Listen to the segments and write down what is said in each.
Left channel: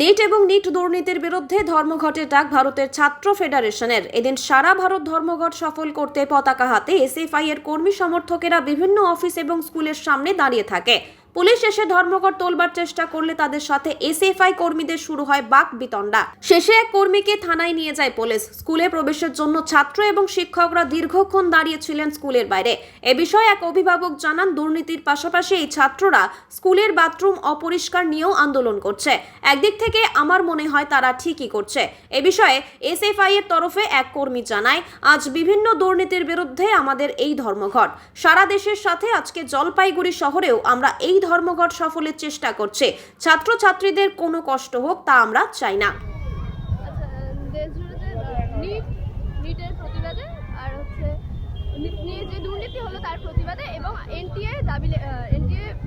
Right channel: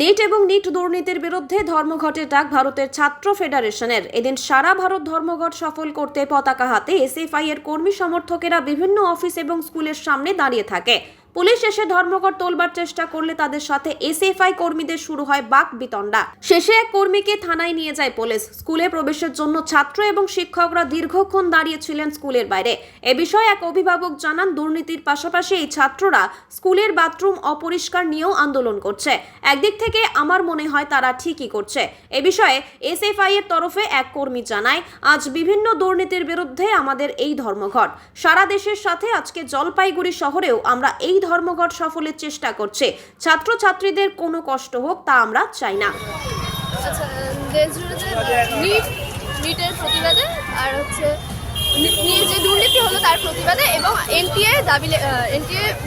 NEET এবং NEET দুর্নীতির বিরুদ্ধে ধর্মঘটের ডাক ভারতের ছাত্র ফেডারেশনের। এদিন সারা ভারত ধর্মঘট সফল করতে পতাকা হাতে এসএফআই এর কর্মী সমর্থকেরা বিভিন্ন অফিস এবং স্কুলের সামনে দাঁড়িয়ে থাকে। পুলিশ এসে ধর্মঘট তোলবার চেষ্টা করলে তাদের সাথে এসএফআই কর্মীদের শুরু হয় বাকবিতণ্ডা। শেষে এক কর্মীকে থানায় নিয়ে যায় পুলিশ। স্কুলে প্রবেশের জন্য ছাত্র এবং শিক্ষকরা দীর্ঘক্ষণ দাঁড়িয়েছিলেন স্কুলের বাইরে। এ বিষয়ে এক অভিভাবক জানান, দুর্নীতির পাশাপাশি এই ছাত্ররা স্কুলের বাথরুম অপরিষ্কার নিয়েও আন্দোলন করছে। একদিক থেকে আমার মনে হয় তারা ঠিকই করছে। এ বিষয়ে এসএফআই এর তরফে এক কর্মী জানায়, আজ বিভিন্ন দুর্নীতির বিরুদ্ধে আমাদের এই ধর্মঘট। সারা দেশের সাথে আজকে জলপাইগুড়ি শহরেও আমরা এই ধর্মঘট সফলের চেষ্টা করছে। ছাত্রছাত্রীদের কোনো কষ্ট হোক তা আমরা চাই না। নিটের প্রতিবাদে আর হচ্ছে নিয়ে যে দুর্নীতি হলো তার প্রতিবাদে এবং এনটিএ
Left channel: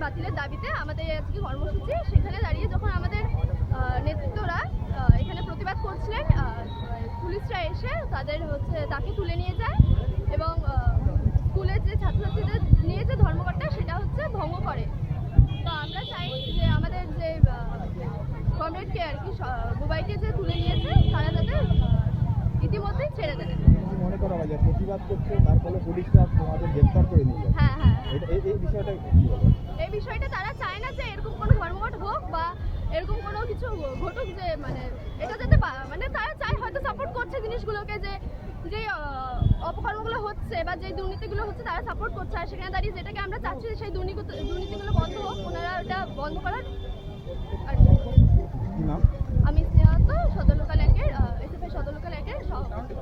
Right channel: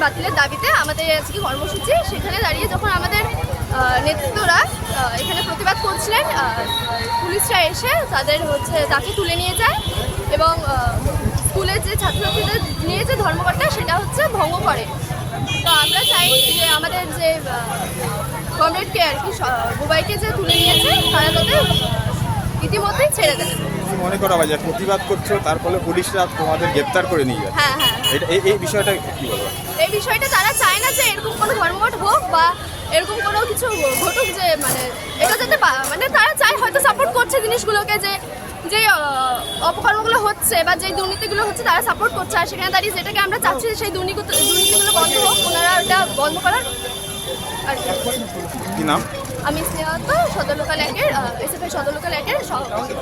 বাতিলের দাবিতে আমাদের আজকে কর্মসূচি। সেখানে দাঁড়িয়ে যখন আমাদের নেতৃত্বরা এখানে প্রতিবাদ করছিলেন, পুলিশরা এসে তাকে তুলে নিয়ে যায় এবং স্কুলের যে ছাত্রছাত্রীদের নিয়ে যে ধর্মঘটটা সেটা ভঙ্গ করে। তো আমরা চাই যে আমাদের যে কমরেডকে আর কি বুবাইকে যে তুলে নিয়েছে তারা যাতে ইতিমধ্যেই ছেড়ে দেয়। মনে করা হয় যে প্রতিবাদ করছো, তার ফলে পুলিশরা তোমাদের গ্রেপ্তার করে নিয়ে যায়। হ্যাঁ, এই বিষয়টা কি বলবো? এই বিষয়টা তারা চায় না যে এরকম কোনো ধর্মঘট হোক বা এরকম কোনো কিছু ঘটুক, যে এটা যাতে তারা চায়, হয়তো সাপোর্ট করছে জিনিসগুলোকে, যে অপকর্মগুলো হচ্ছে বা যে দুর্নীতিগুলো হচ্ছে তারা সাপোর্ট করছে। আর সেখানে দাঁড়িয়ে যেটাকে আমরা চাচ্ছি সেই দুর্নীতিগুলো বন্ধ হোক, ওনারা ওটা বন্ধ করার। আর কি নাম? আমি স্নেহা, সদর লোকাল 1-এর এসএফআই সদর লোকাল 1-এর সভাপতি।